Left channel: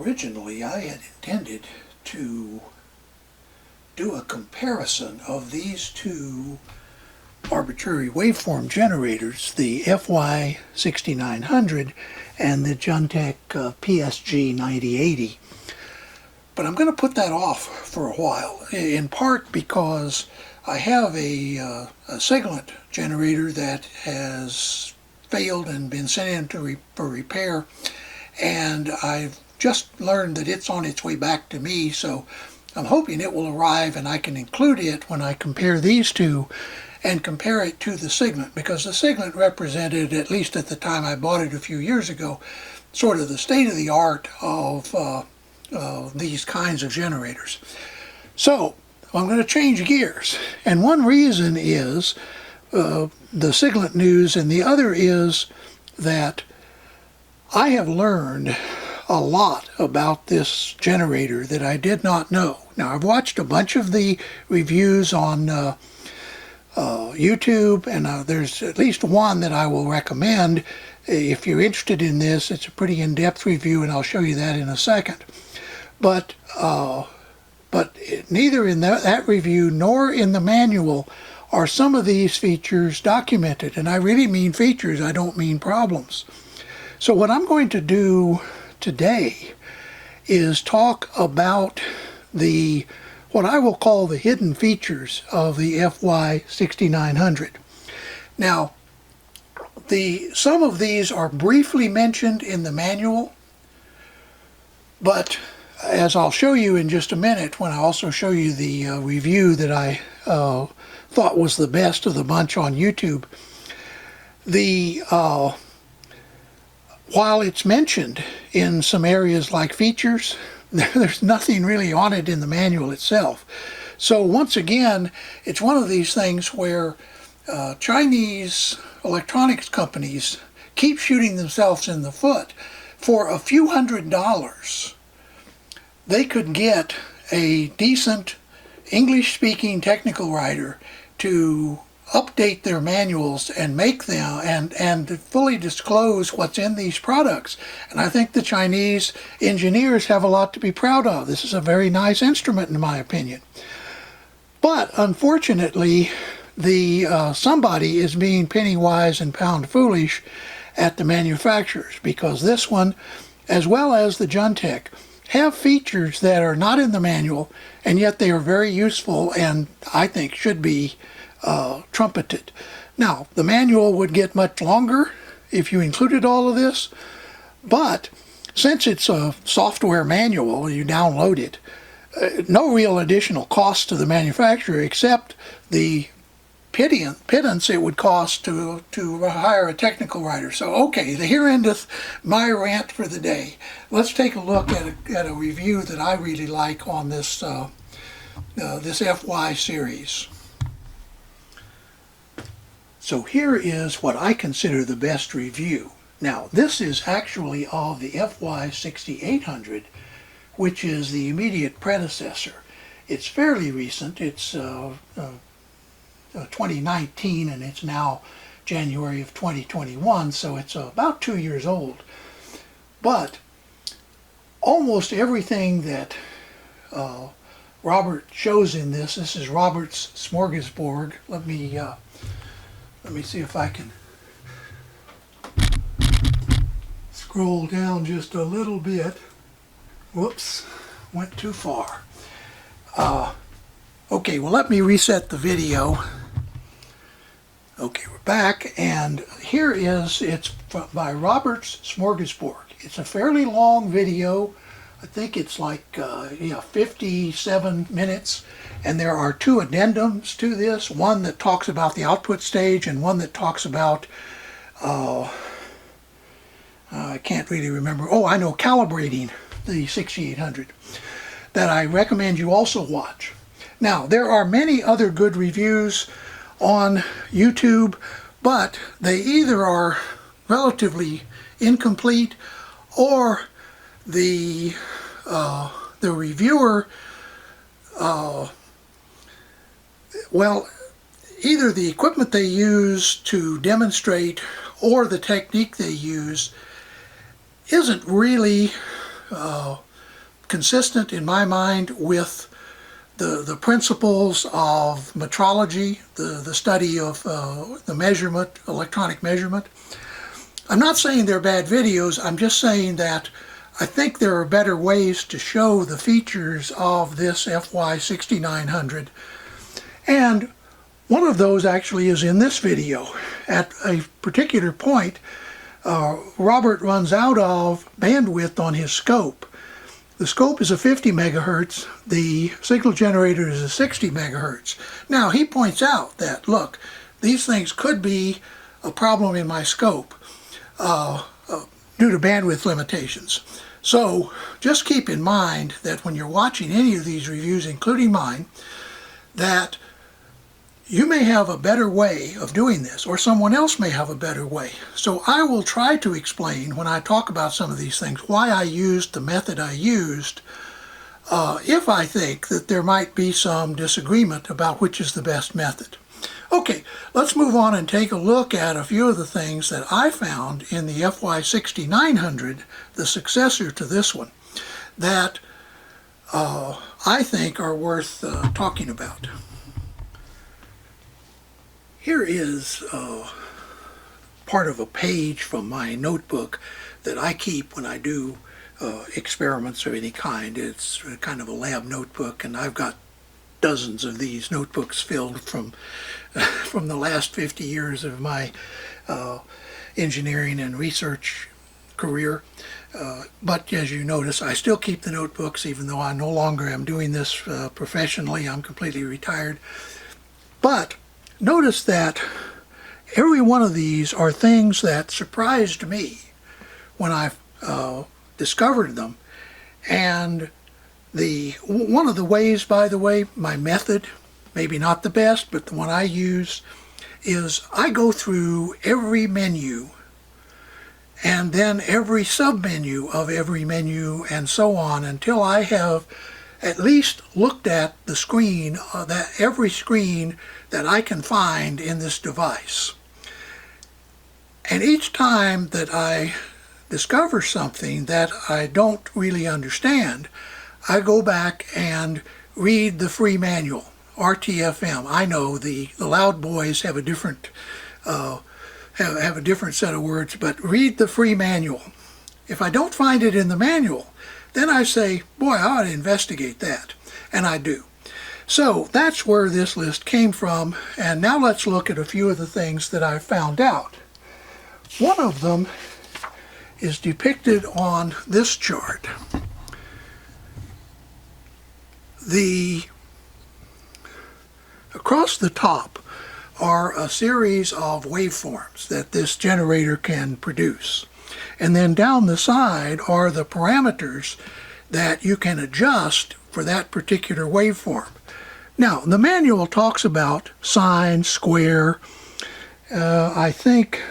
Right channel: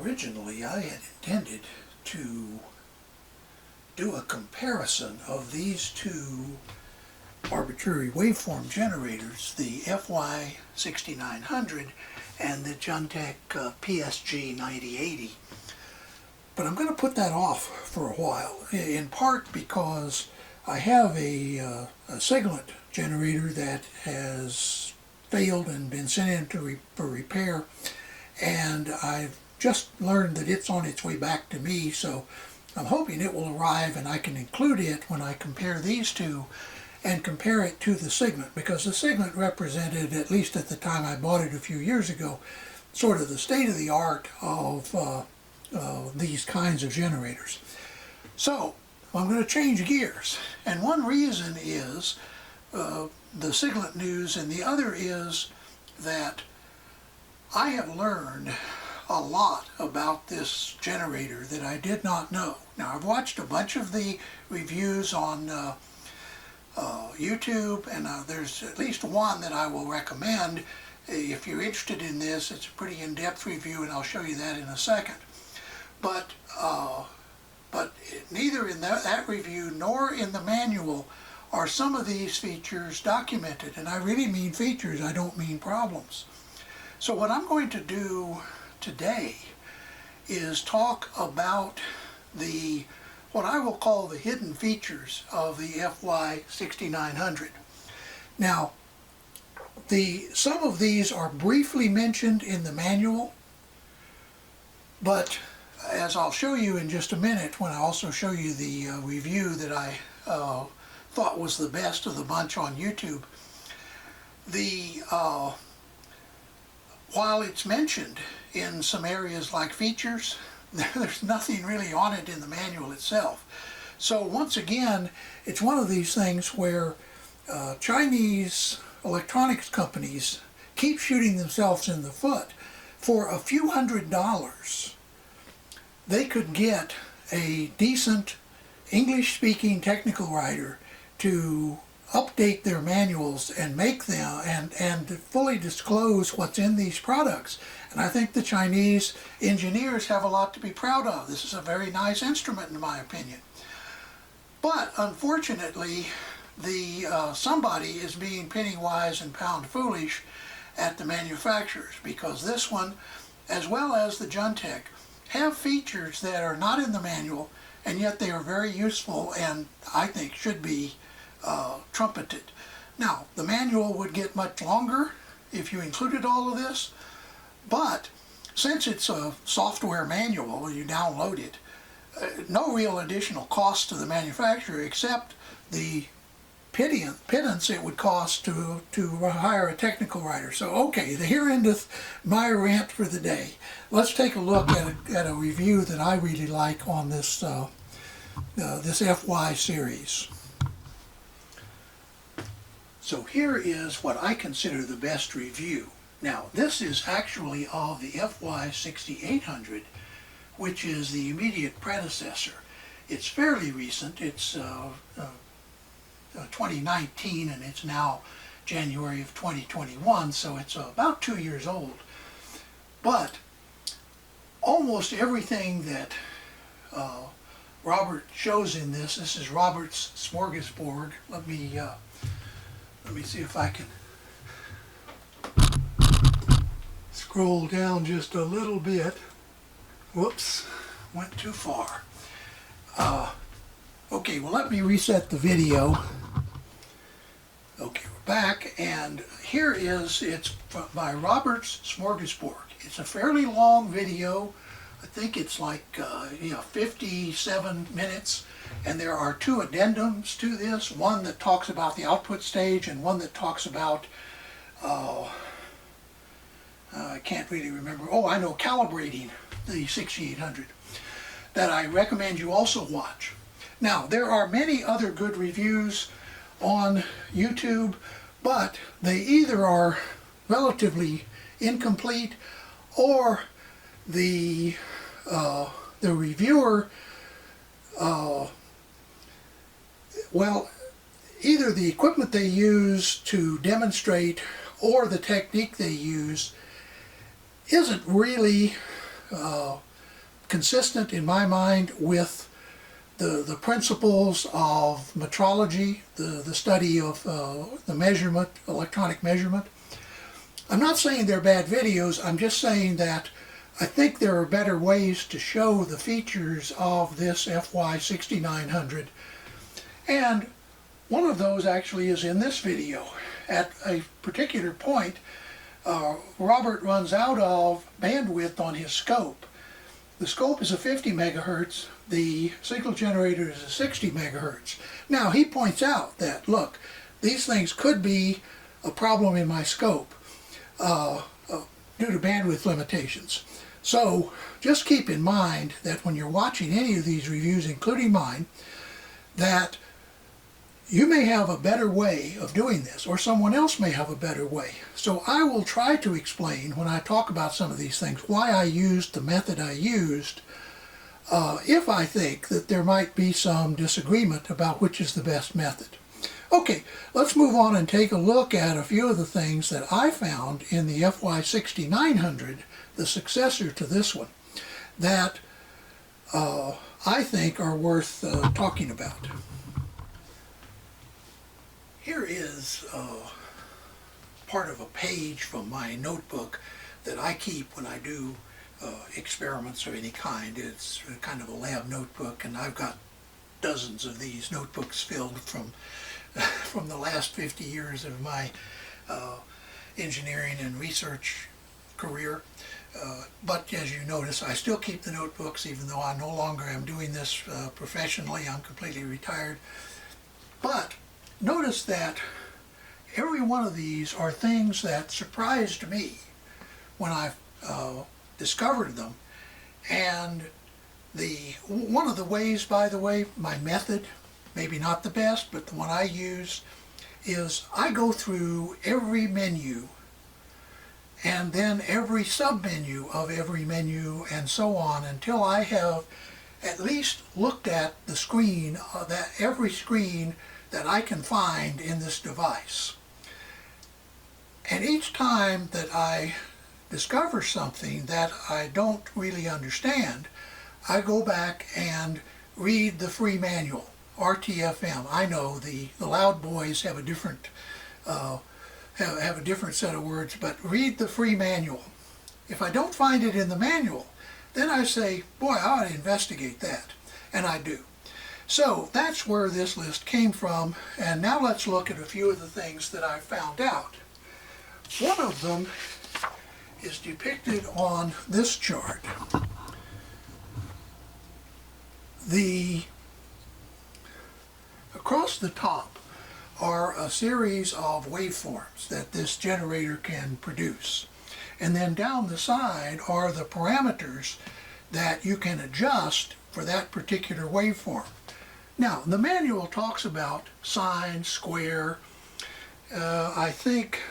Originally, I had intended to do a comparison of these two arbitrary waveform generators, the FY6900 and the Juntech PSG9080. But I'm going to put that off for a while, in part because I have a Siglent generator that has failed and been sent in for repair, and I've just learned that it's on its way back to me, so I'm hoping it will arrive and I can include it when I compare these two and compare it to the Siglent, because the Siglent represented, at least at the time I bought it a few years ago, sort of the state-of-the-art of these kinds of generators. So I'm going to change gears, and one reason is the Siglent news, and the other is that I have learned a lot about this generator that I did not know. Now, I've watched a bunch of the reviews on YouTube, and there's at least one that I will recommend. If you're interested in this, it's a pretty in-depth review, and I'll show you that in a second. But neither in that review nor in the manual are some of these features documented, and I really mean features, I don't mean problems. So what I'm going to do today is talk about what I will call the hidden features of the FY6900. Now, some of these are briefly mentioned in the manual, but as I'll show you in just a minute, when I also show you the review that I thought was the best of the bunch on YouTube, while it's mentioned in some areas like features, there's nothing really on it in the manual itself. So once again, it's one of these things where Chinese electronics companies keep shooting themselves in the foot. For a few $100s, they could get a decent English-speaking technical writer to update their manuals and make them and fully disclose what's in these products. And I think the Chinese engineers have a lot to be proud of. This is a very nice instrument, in my opinion. But unfortunately, somebody is being penny wise and pound foolish at the manufacturers, because this one, as well as the Juntech, have features that are not in the manual, and yet they are very useful and I think should be trumpeted. Now, the manual would get much longer if you included all of this, but since it's a software manual, you download it, no real additional cost to the manufacturer except the pittance it would cost to hire a technical writer. So okay, here endeth my rant for the day. Let's take a look at a review that I really like on this this FY series. So here is what I consider the best review. Now, this is actually of the FY6800, which is the immediate predecessor. It's fairly recent. It's 2019, and it's now January of 2021, so it's about 2 years old. But almost everything that Robert shows in this is Robert's smorgasbord. Let me see if I can scroll down just a little bit. Whoops, went too far. Okay, well, let me reset the video. Okay, we're back, and it's by Robert's Smorgasbord. It's a fairly long video. I think it's like 57 minutes, and there are two addendums to this, one that talks about the output stage and one that talks about, I can't really remember, I know, calibrating the 6800, that I recommend you also watch. Now, there are many other good reviews on YouTube, but they either are relatively incomplete, or the reviewer, well, either the equipment they use to demonstrate or the technique they use isn't really consistent in my mind with the principles of metrology, the study of the measurement, electronic measurement. I'm not saying they're bad videos, I'm just saying that I think there are better ways to show the features of this FY6900. And one of those actually is in this video. At a particular point, Robert runs out of bandwidth on his scope. The scope is a 50 megahertz, the signal generator is a 60 megahertz. Now he points out that, look, these things could be a problem in my scope due to bandwidth limitations. So just keep in mind that when you're watching any of these reviews, including mine, that you may have a better way of doing this, or someone else may have a better way. So I will try to explain when I talk about some of these things why I used the method I used, if I think that there might be some disagreement about which is the best method. Okay, let's move on and take a look at a few of the things that I found in the FY6900, the successor to this one, that I think are worth talking about. Here is part of a page from my notebook that I keep when I do experiments of any kind. It's kind of a lab notebook, and I've got dozens of these notebooks filled from the last 50 years of my engineering and research career. But as you notice, I still keep the notebooks even though I no longer am doing this professionally. I'm completely retired. But notice that every one of these are things that surprised me when I discovered them. And one of the ways, by the way, my method, maybe not the best, but the one I use, is I go through every menu and then every sub-menu of every menu and so on until I have at least looked at the screen, every screen that I can find in this device. And each time that I discover something that I don't really understand, I go back and read the free manual, RTFM. I know the loud boys have a different have a different set of words, but read the free manual. If I don't find it in the manual, then I say, boy, I ought to investigate that, and I do. So that's where this list came from, and now let's look at a few of the things that I found out. One of them is depicted on this chart. Across the top are a series of waveforms that this generator can produce. And then down the side are the parameters that you can adjust for that particular waveform. Now, the manual talks about sine, square, I think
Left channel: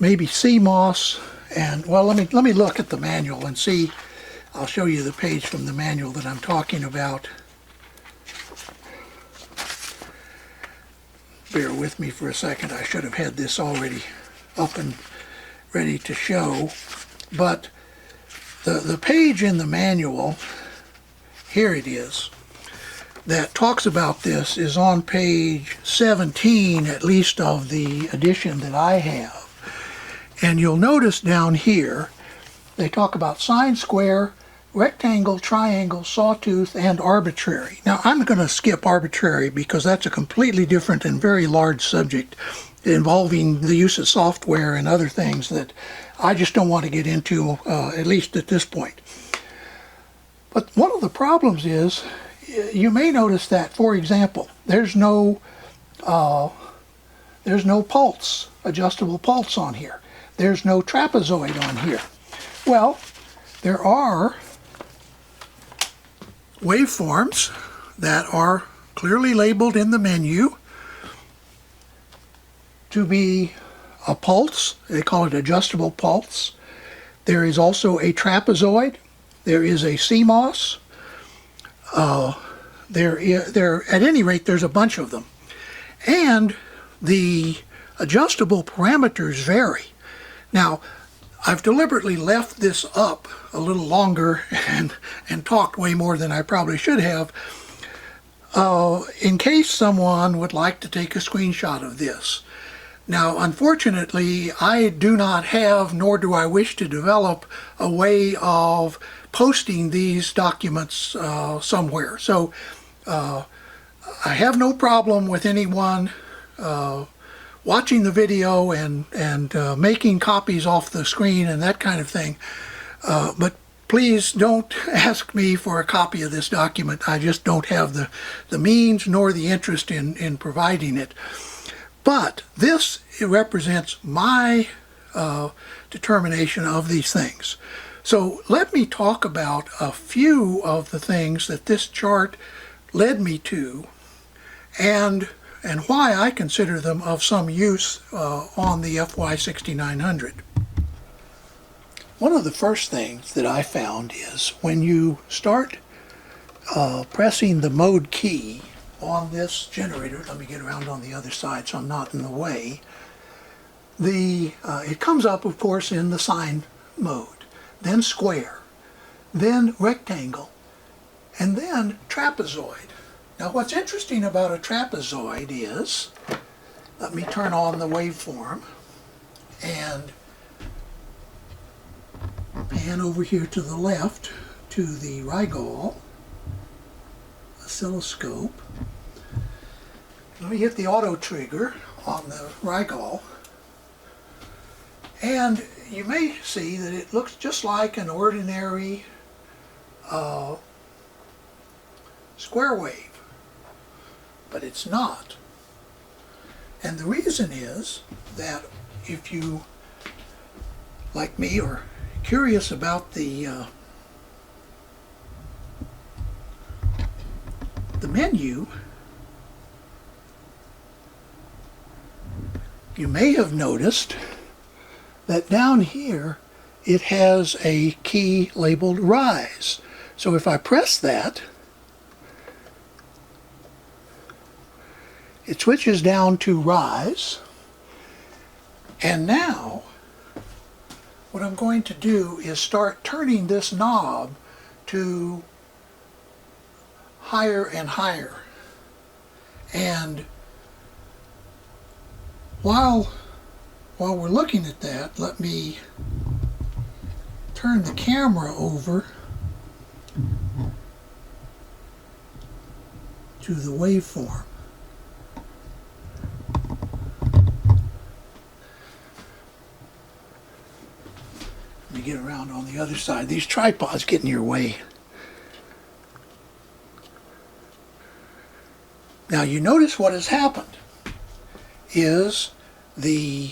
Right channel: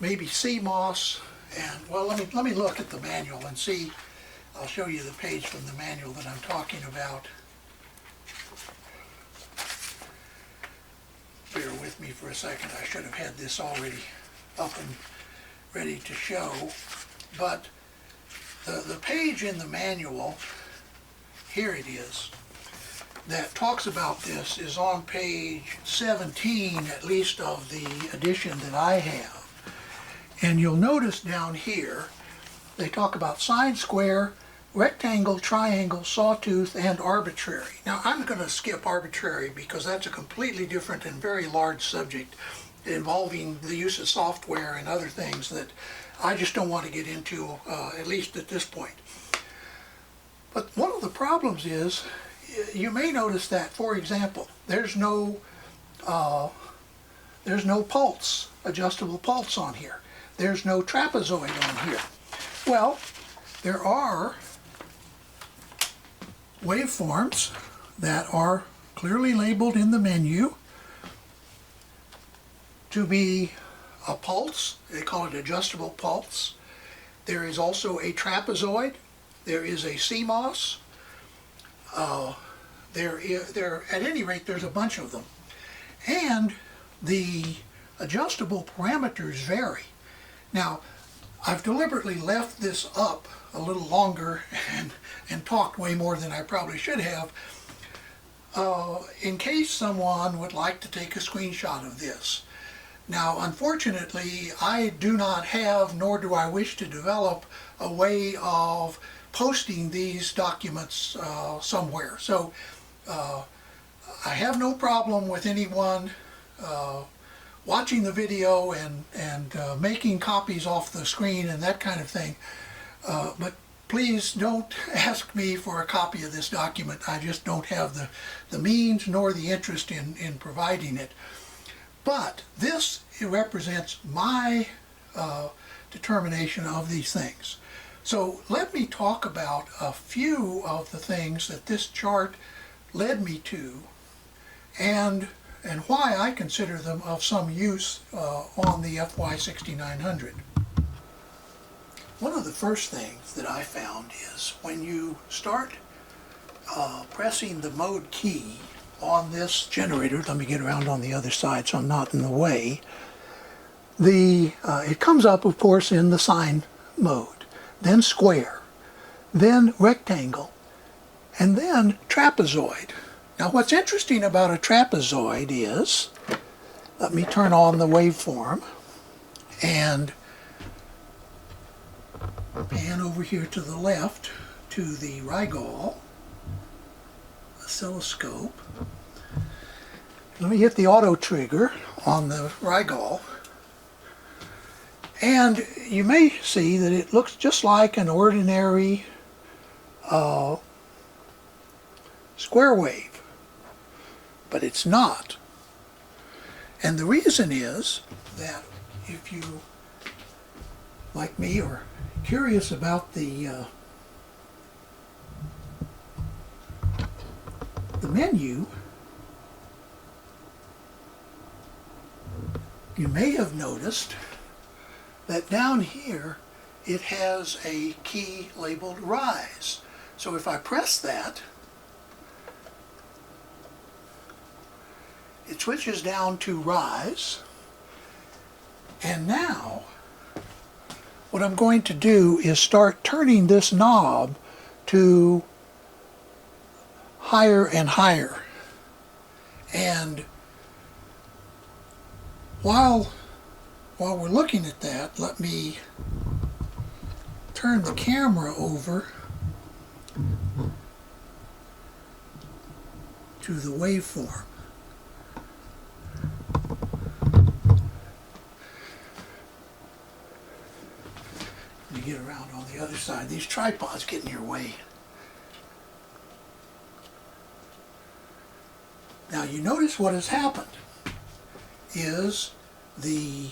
maybe CMOS, and well, let me look at the manual and see. I'll show you the page from the manual that I'm talking about. Bear with me for a second. I should have had this already up and ready to show, but the page in the manual, here it is, that talks about this is on page 17, at least of the edition that I have. And you'll notice down here, they talk about sine, square, rectangle, triangle, sawtooth, and arbitrary. Now I'm going to skip arbitrary because that's a completely different and very large subject involving the use of software and other things that I just don't want to get into, at least at this point. But one of the problems is, you may notice that, for example, there's no pulse, adjustable pulse on here. There's no trapezoid on here. Well, there are waveforms that are clearly labeled in the menu to be a pulse. They call it adjustable pulse. There is also a trapezoid. There is a CMOS. At any rate, there's a bunch of them. And the adjustable parameters vary. Now, I've deliberately left this up a little longer and talked way more than I probably should have, in case someone would like to take a screenshot of this. Now, unfortunately, I do not have, nor do I wish to develop, a way of posting these documents somewhere. So I have no problem with anyone watching the video and making copies off the screen and that kind of thing. But please don't ask me for a copy of this document. I just don't have the means nor the interest in providing it. But this represents my determination of these things. So let me talk about a few of the things that this chart led me to and why I consider them of some use on the FY6900. One of the first things that I found is when you start pressing the mode key on this generator, let me get around on the other side so I'm not in the way, it comes up, of course, in the sine mode, then square, then rectangle, and then trapezoid. Now what's interesting about a trapezoid is, let me turn on the waveform and pan over here to the left to the Rigol oscilloscope. Let me hit the auto trigger on the Rigol, and you may see that it looks just like an ordinary square wave, but it's not. And the reason is that if you, like me, are curious about the menu, you may have noticed that down here it has a key labeled rise. So if I press that, it switches down to rise, and now what I'm going to do is start turning this knob to higher and higher. And while we're looking at that, let me turn the camera over to the waveform. Let me get around on the other side. These tripods get in your way. Now you notice what has happened is the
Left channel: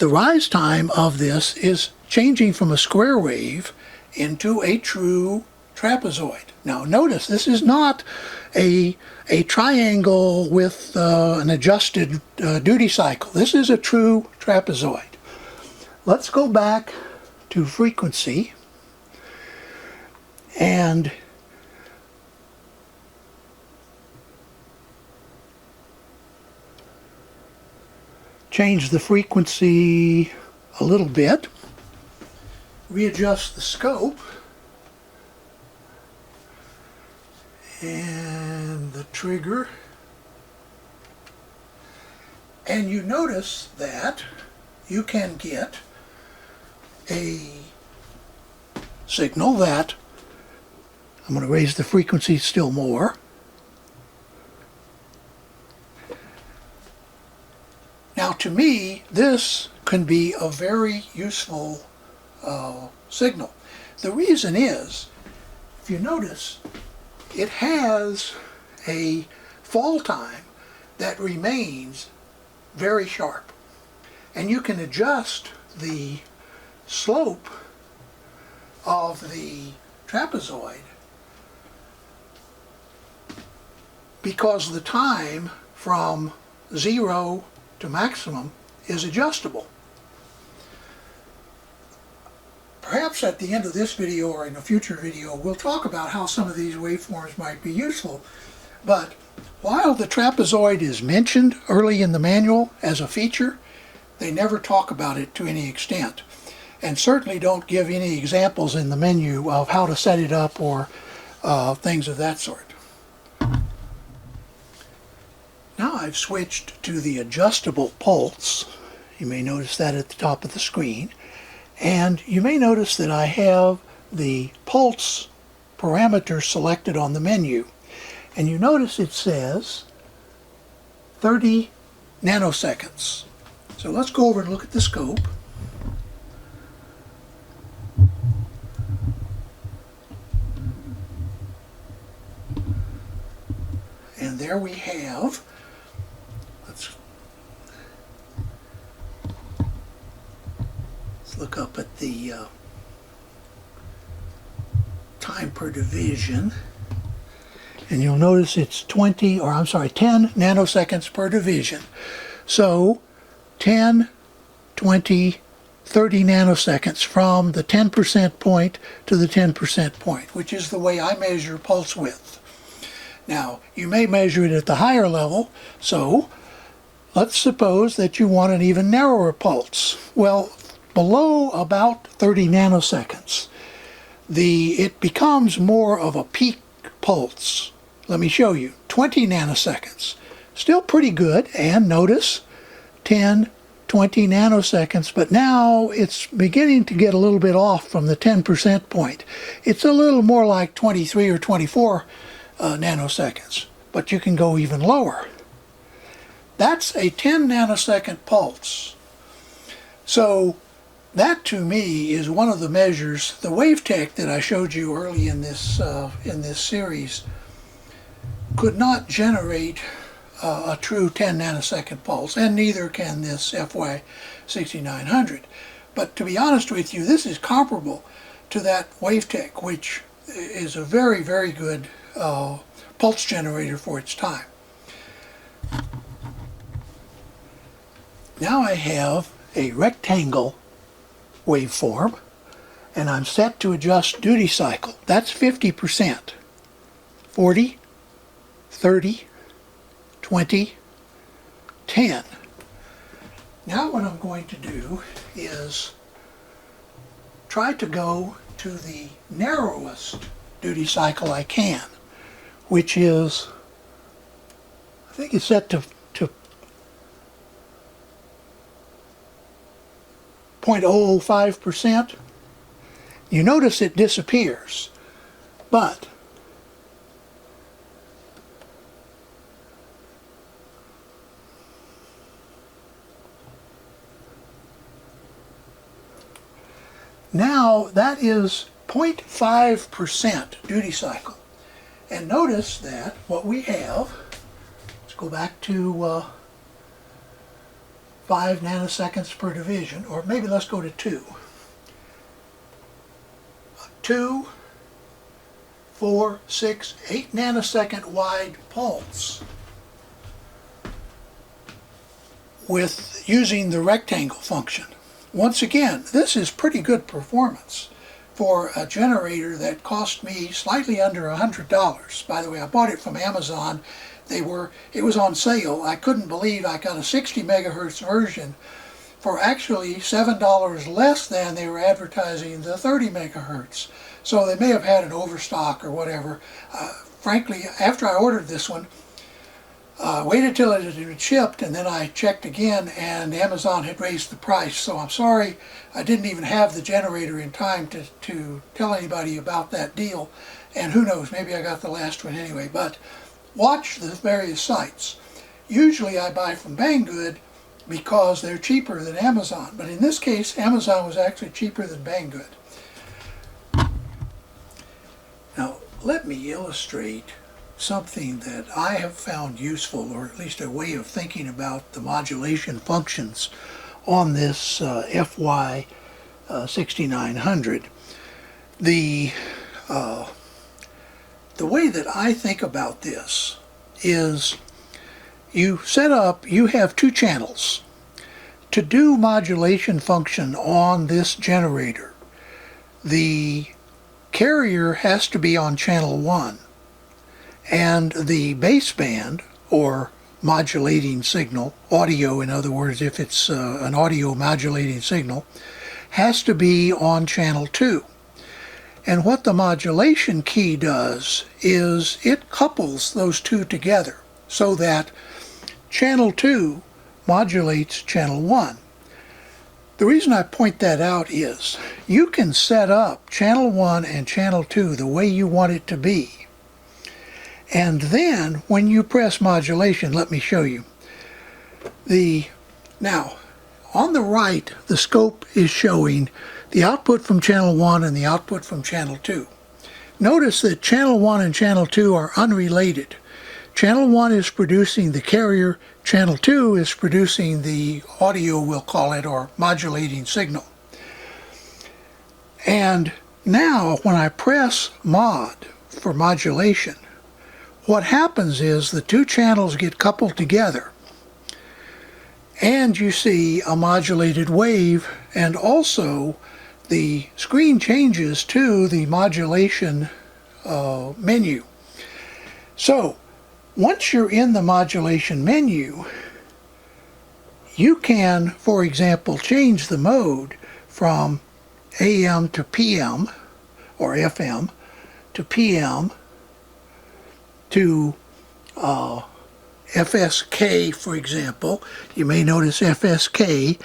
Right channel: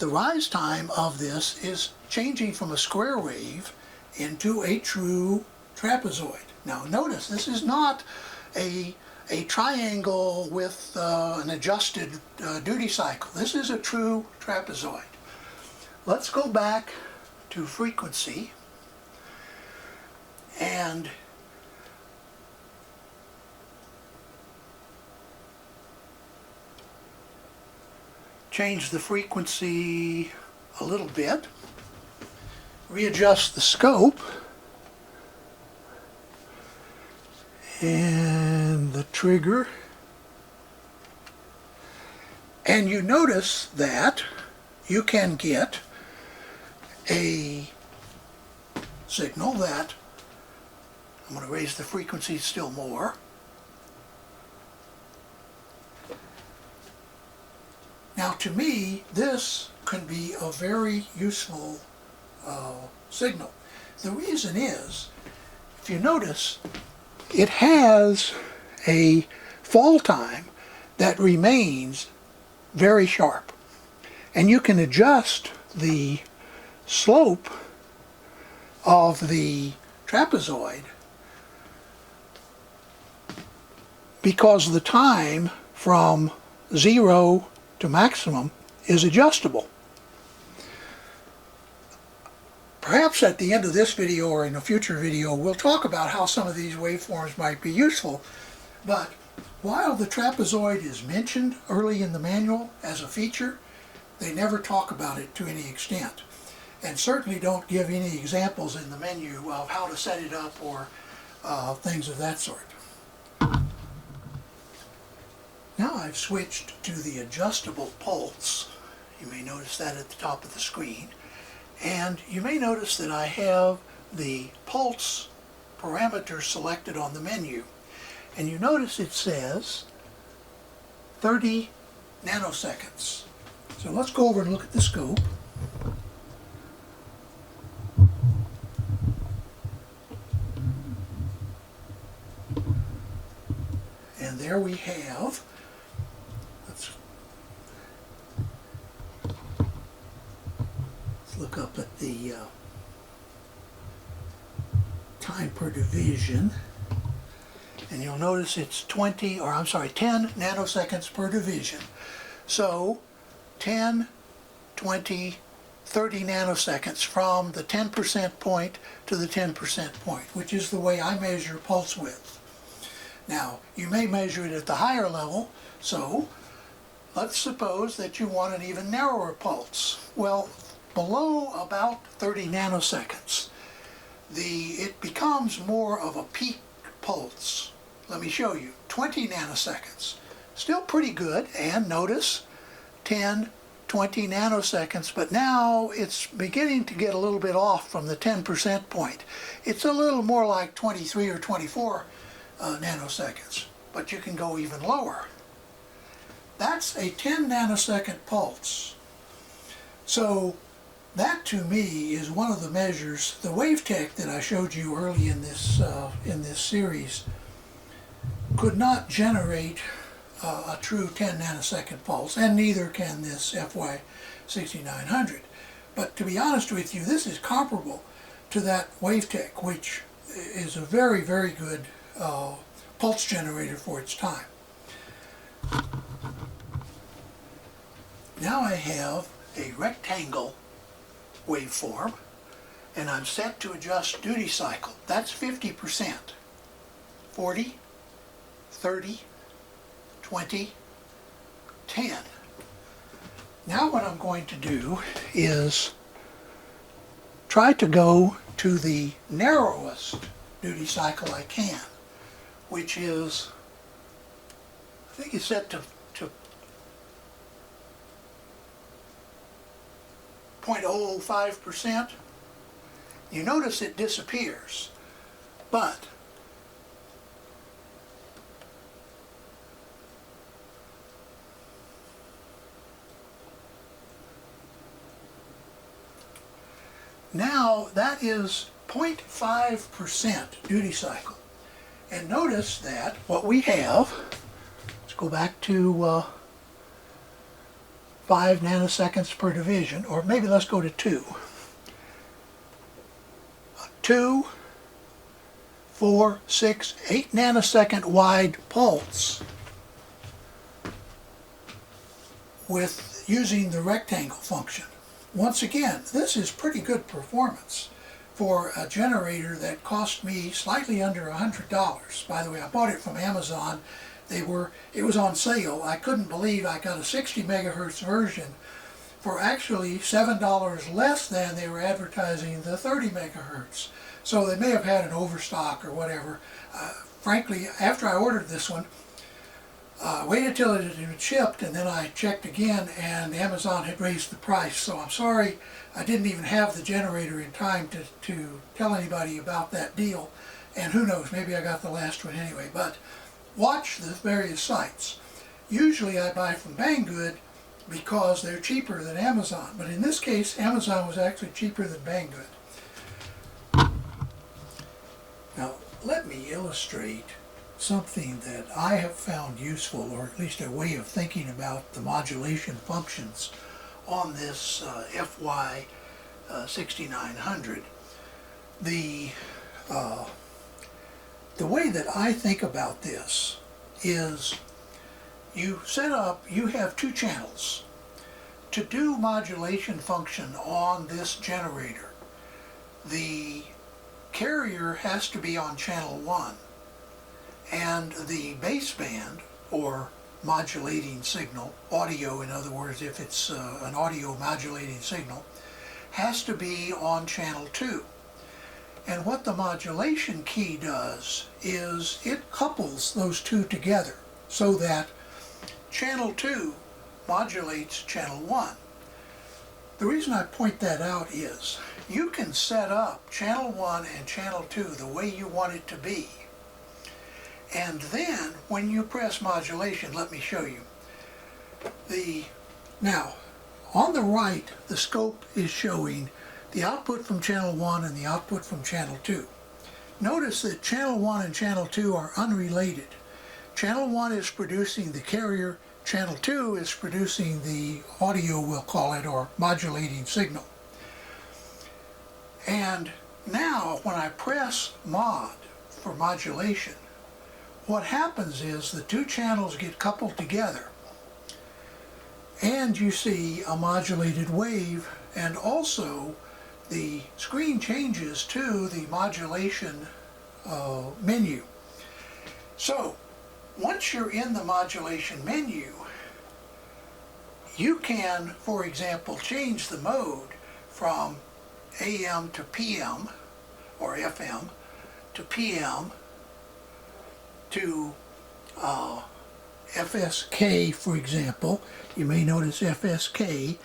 rise time of this is changing from a square wave into a true trapezoid. Now notice this is not a triangle with an adjusted duty cycle. This is a true trapezoid. Let's go back to frequency and change the frequency a little bit, readjust the scope, and the trigger, and you notice that you can get a signal that, I'm going to raise the frequency still more. Now to me, this can be a very useful signal. The reason is, if you notice, it has a fall time that remains very sharp. And you can adjust the slope of the trapezoid because the time from 0 to maximum is adjustable. Perhaps at the end of this video or in a future video we'll talk about how some of these waveforms might be useful, but while the trapezoid is mentioned early in the manual as a feature, they never talk about it to any extent. and certainly don't give any examples in the menu of how to set it up or things of that sort. Now I've switched to the adjustable pulse. You may notice that at the top of the screen. And you may notice that I have the pulse parameter selected on the menu. And you notice it says 30 nanoseconds. So let's go over and look at the scope. And there we have, let's look up at the time per division. And you'll notice it's 10 nanoseconds per division. So 10, 20, 30 nanoseconds from the 10% point to the 10% point, which is the way I measure pulse width. Now, you may measure it at the higher level, so let's suppose that you want an even narrower pulse. Well, below about 30 nanoseconds, it becomes more of a peak pulse. Let me show you. 20 nanoseconds. Still pretty good, and notice 10, 20 nanoseconds, but now it's beginning to get a little bit off from the 10% point. It's a little more like 23 or 24 nanoseconds, but you can go even lower. That's a 10 nanosecond pulse. So that to me is one of the measures. The WaveTech that I showed you early in this series could not generate a true 10 nanosecond pulse, and neither can this FY6900. But to be honest with you, this is comparable to that WaveTech, which is a very, very good pulse generator for its time. Now I have a rectangle waveform, and I'm set to adjust duty cycle. That's 50%. 40, 30, 20, 10. Now what I'm going to do is try to go to the narrowest duty cycle I can, which is, I think it's set to 0.005%. You notice it disappears, but now that is 0.5% duty cycle. And notice that what we have, let's go back to 5 nanoseconds per division, or maybe let's go to 2. 2, 4, 6, 8 nanosecond wide pulse with using the rectangle function. Once again, this is pretty good performance for a generator that cost me slightly under $100. By the way, I bought it from Amazon. It was on sale. I couldn't believe I got a 60 megahertz version for actually $7 less than they were advertising the 30 megahertz. So they may have had an overstock or whatever. Frankly, after I ordered this one, waited till it had been shipped, and then I checked again, and Amazon had raised the price. So I'm sorry I didn't even have the generator in time to tell anybody about that deal. And who knows, maybe I got the last one anyway. But watch the various sites. Usually I buy from Banggood because they're cheaper than Amazon. But in this case, Amazon was actually cheaper than Banggood. Now, let me illustrate something that I have found useful, or at least a way of thinking about the modulation functions on this FY6900. The way that I think about this is you have 2 channels. To do modulation function on this generator, the carrier has to be on channel 1, and the baseband, or modulating signal, audio in other words, if it's an audio modulating signal, has to be on channel 2. And what the modulation key does is it couples those two together so that channel 2 modulates channel 1. The reason I point that out is you can set up channel 1 and channel 2 the way you want it to be. And then when you press modulation, let me show you. Now, on the right, the scope is showing the output from channel 1 and the output from channel 2. Notice that channel 1 and channel 2 are unrelated. Channel 1 is producing the carrier, channel 2 is producing the audio, we'll call it, or modulating signal. And now when I press mod for modulation, what happens is the two channels get coupled together and you see a modulated wave, and also the screen changes to the modulation menu. So once you're in the modulation menu, you can, for example, change the mode from AM to PM or FM to PM to FSK, for example. You may notice FSK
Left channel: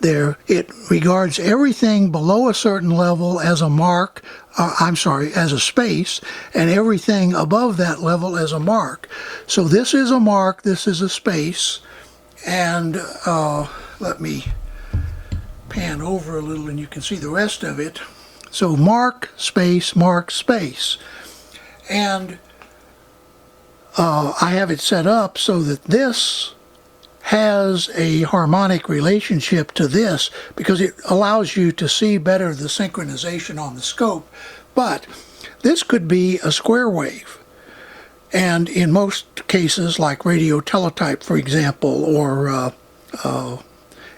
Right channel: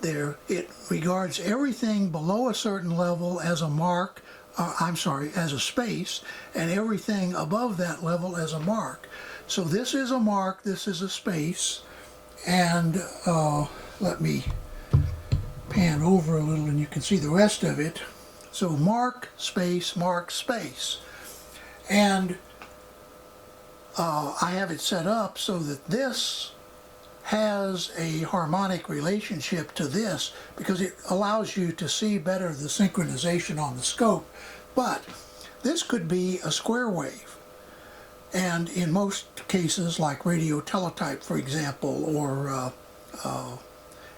there. It regards everything below a certain level as a mark, as a space, and everything above that level as a mark. So this is a mark, this is a space, and let me pan over a little and you can see the rest of it. So mark, space, mark, space. And I have it set up so that this has a harmonic relationship to this because it allows you to see better the synchronization on the scope. But this could be a square wave, and in most cases like radio teletype, for example, or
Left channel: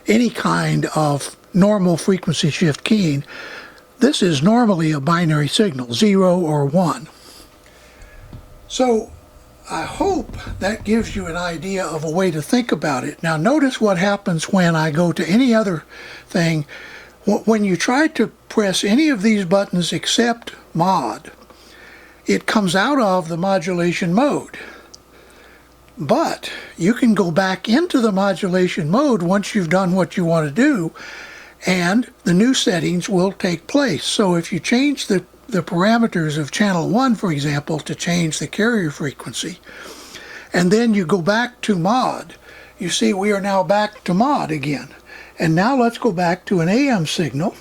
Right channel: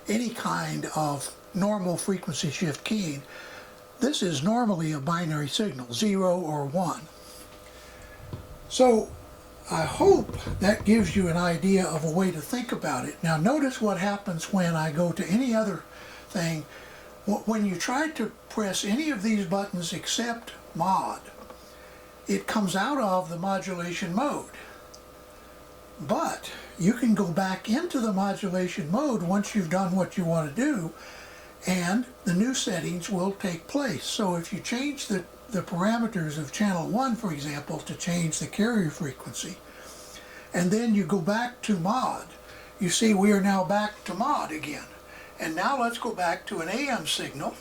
any kind of normal frequency shift keying, this is normally a binary signal, 0 or 1. So I hope that gives you an idea of a way to think about it. Now notice what happens when I go to any other thing. When you try to press any of these buttons except mod, it comes out of the modulation mode. But you can go back into the modulation mode once you've done what you want to do, and the new settings will take place. So if you change the parameters of channel 1, for example, to change the carrier frequency, and then you go back to mod, you see we are now back to mod again. And now let's go back to an AM signal,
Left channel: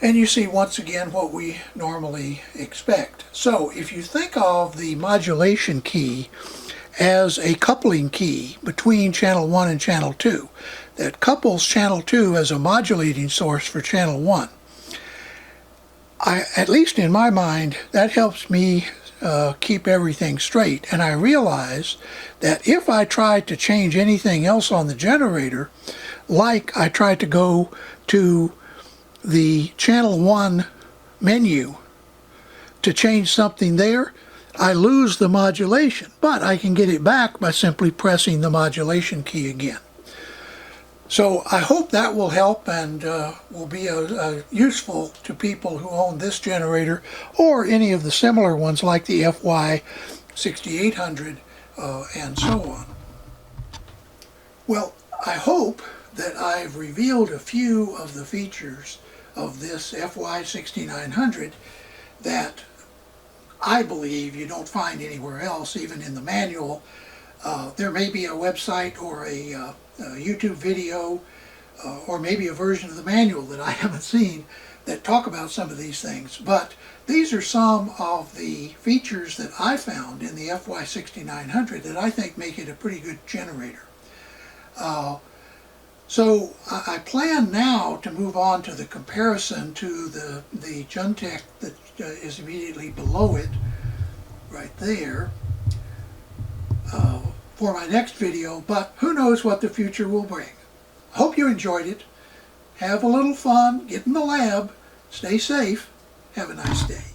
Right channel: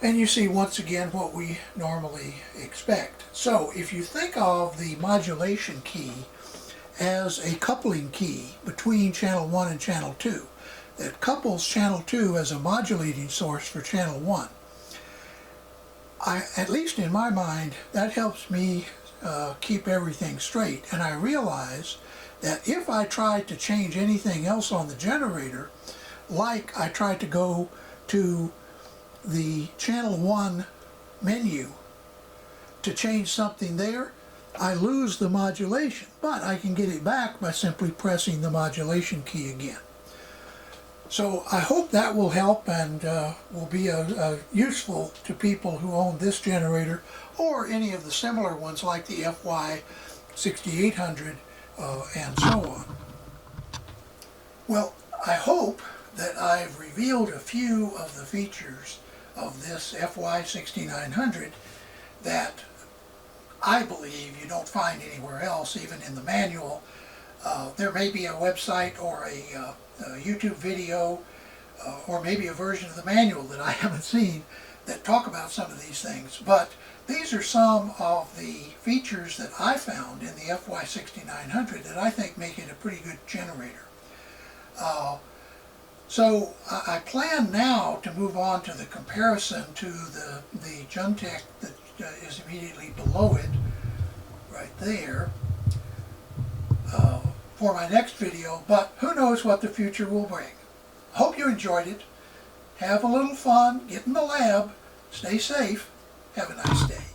and you see once again what we normally expect. So if you think of the modulation key as a coupling key between channel 1 and channel 2, that couples channel 2 as a modulating source for channel 1, at least in my mind, that helps me keep everything straight. And I realize that if I try to change anything else on the generator, like I tried to go to the channel 1 menu to change something there, I lose the modulation. But I can get it back by simply pressing the modulation key again. So I hope that will help and will be useful to people who own this generator or any of the similar ones like the FY6800 and so on. Well, I hope that I've revealed a few of the features of this FY6900 that I believe you don't find anywhere else, even in the manual. There may be a website or a YouTube video or maybe a version of the manual that I haven't seen that talk about some of these things, but these are some of the features that I found in the FY6900 that I think make it a pretty good generator. So I plan now to move on to the comparison to the Juntech that is immediately below it, right there, for my next video, but who knows what the future will bring. Hope you enjoyed it. Have a little fun, get in the lab, stay safe, have a nice day.